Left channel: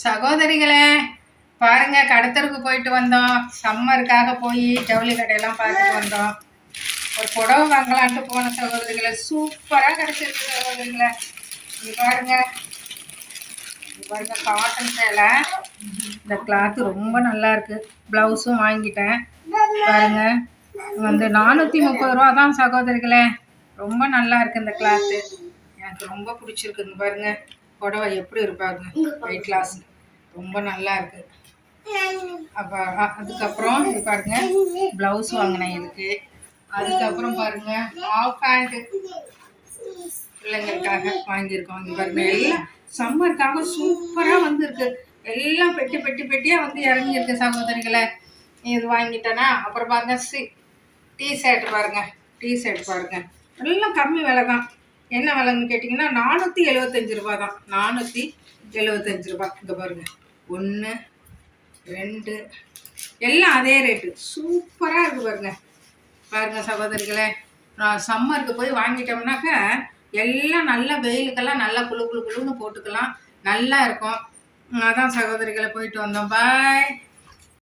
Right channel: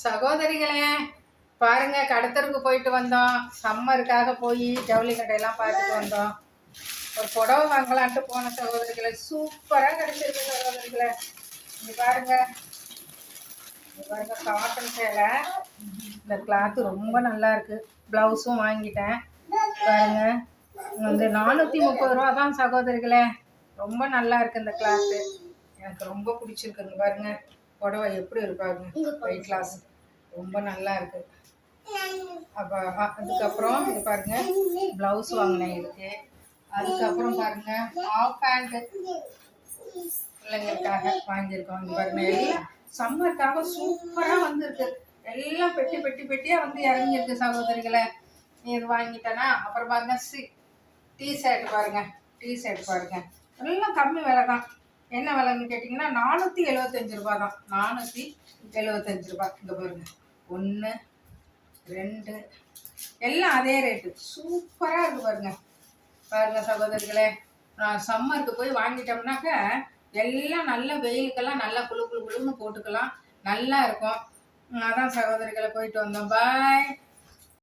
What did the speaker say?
சகோதரிகளே பாருங்க, கடத்தருக்கு போயிட்டு வந்தோம். சம்மருக்காக போய் ஜவுளி கடையெல்லாம் பார்த்துட்டு வந்தோம். ஒரு புடவை வாங்கலான்ட்டு போன சகோதரிகளை, சூப்பராக கிடைச்சிருக்கு சகோதரிகளை. இங்க பாருங்க, காட்டன் சேலை. இந்த கிளாத்து ரொம்ப நல்லா இருக்கு. பிளவுஸும் வாங்கிட்டேன். பாருங்க, வந்து 430 ரூபா தான் சகோதரிகளே. ரொம்ப நல்லா இருக்கு இந்த கிளாத்து. எனக்கு ரொம்ப பிடிச்சிருக்குங்க. பாருங்க புடவை எப்படி இருப்பாங்க, வெயிட் லாஸ், ரொம்ப நல்லா இருக்கு. அப்போ அதுக்கப்புறம் இது பாருங்க, ப்ளவுஸ் வாங்கினேன் இதுக்கு. அதுக்கப்புறம் பாருங்க, ஹாஃப் பேண்ட் பிள்ளைங்களுக்காக வாங்கியிருக்கோம். இங்கே பாருங்க, எல்லாம் சம்மருக்காக சூப்பராக வந்துருக்கு. எல்லாம் பெட்டி பெட்டி பெட்டியாக வந்து இறங்கியிருக்கு சகோதரிகளை. இது வாங்கிட்டேன்னா அப்புறம் பாருங்க, டிஷர்ட் பாருங்க, டிஷர்ட் பாருங்க, எல்லாம் கம்மி விலை தான். என்ன விலைன்னு கேட்டிங்கன்னா 475 ரூபா தான். 475 ரூபா. இங்கே பாருங்க, 1 2 எல்லாம் அதே ரேட்டு. சூப்பராக இருக்குது பாருங்க. பாருங்க சகோதரிகளே, நான் சம்மருக்கு போய் வாங்கிட்டோம்னாக்க எல்லாம் நல்ல வெயிலுக்கெல்லாம் நல்லா குளு குளு குளுன்னு போட்டுக்கலாம், நல்லா இருக்கும். அதான் சகோதரிகளை போயிட்டு வந்தோம். பாய்.